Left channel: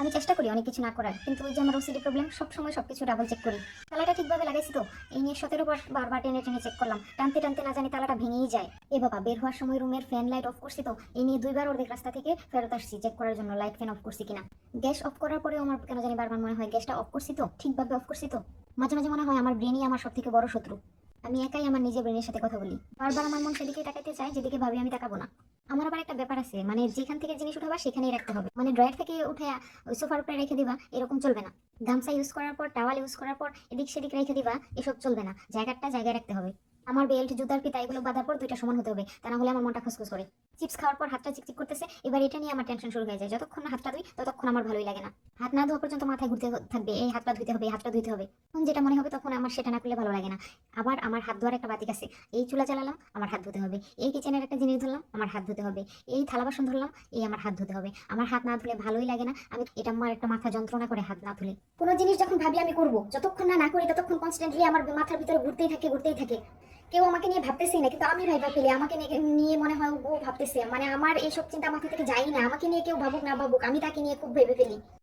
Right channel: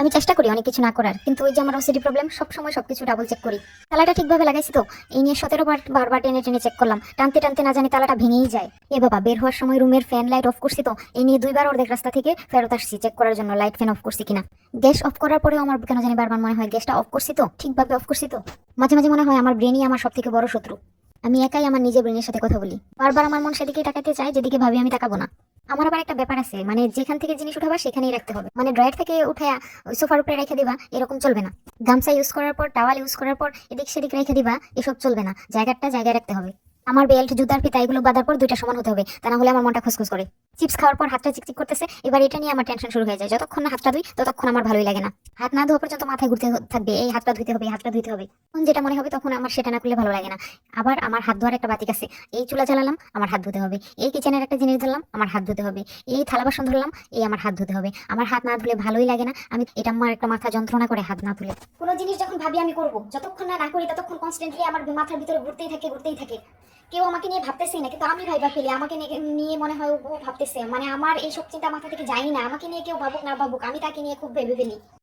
আমি চেষ্টা করি অনেক কিছু না করার, কিন্তু ওই যে আমার ওসিডি প্রবলেম, সব সময় সবকিছু ডাবল চেক করি। তালাটা ঠিকভাবে লাগাইছি তো, এই নিয়ে 17 বার বারবার টেনে টেনে চেক করলাম, টানতে টানতে না জানি তালাটা ভেঙেই যায়। এ বাবা, বের হওয়ার সময় রুমের ফ্যান লাইট অফ করছি তো, এই নিয়ে 2বার অর্ধেক রাস্তা থেকে ফেরত আসছি চেক করার জন্য লাইট ফ্যান অফ করছি কিনা। গ্যাস অফ করার পরেও আমার কেন জানি বারবার মনে হয় গ্যাসটা অফ করছি তো, ঠিকভাবে অফ করছি তো। মাঝে মাঝে মনে হয় আমার ব্রেনই আমার সব থেকে বড় শত্রু। আমি একাই আমার নিজের ব্রেনের সাথে কথা বলি, বারবার আমার মন সেদিকে তাকাতে চায় যেদিকে ভাবি আমি তাকাবো না। আমার আবার একটা ব্যাপার আছে, মানে যেখান থেকে জিনিস উঠাবা সেখানেই রাখতে হবে, মানে ড্রয়ার থেকে উঠে ওই সোফার উপরে রেখে দিবা এরকম চলবে না। গামছা ইউজ করার পর, টাওয়াল ইউজ করার পর এদিক সেদিক রেখে দিবা, এসব চলবে না, জায়গাটা জায়গায় রাখতে হবে। আমার বেল্ট, জুতার ফিতা এগুলো বাঁধার পর দুইটা সমান হতে হবে, তা না হলে আমার মনটা খুসখুস করে। চিপস খাওয়ার পর হাতটা চিকচিক করতেছে, এবার এটা নিয়ে আমার টেনশন শুরু হয়ে যায়। যতক্ষণ না হাতটা ধুই ততক্ষণ আমার ভালোই লাগে না। হাত না ধোয়া পর্যন্ত মাথায় ঘুরতে থাকবে, এই হাতটা ধুইতে হবে, এই হাতটা ধুইতে হবে। তখন যেটা মনে হবে তখন আমার সেটা না করলে ভালো লাগে না। আবার আমার হাত ধোয়ার একটা বাতিক আছে, এই চুলা জ্বালালাম আমার হাত ধুতে হবে, এই কিচেনের একটা জিনিস ধরলাম আমার হাত ধুতে হবে, এই থালা বাসন ধরলাম এই আমার হাত ধুতে হবে। আমার হাত না ধুলে ভালোই লাগে না, আমি এটা আমার একটা মাথা যন্ত্রণা করে হাত না ধুলে। কোনো জিনিস যখন ভাবি আমি করব, যতক্ষণ না না করি ততক্ষণ কনস্ট্যান্টলি আমার মাথার ভিতরে ঘুরতেই থাকে ঘুরতেই থাকে। কেউ আমাকে নিয়ে ভাবতেছে না, কিন্তু আমি ভাইবা ফেলি আমাকে নিয়ে মনে হয় ও ভাবতেছে, মানে আমার এইসব চিন্তা মাথা থেকে যায়ই না। আমাকে নিয়ে কেউ ভাবুক না ভাবুক, আমি তাকে নিয়ে খুব ভেবে ফেলি।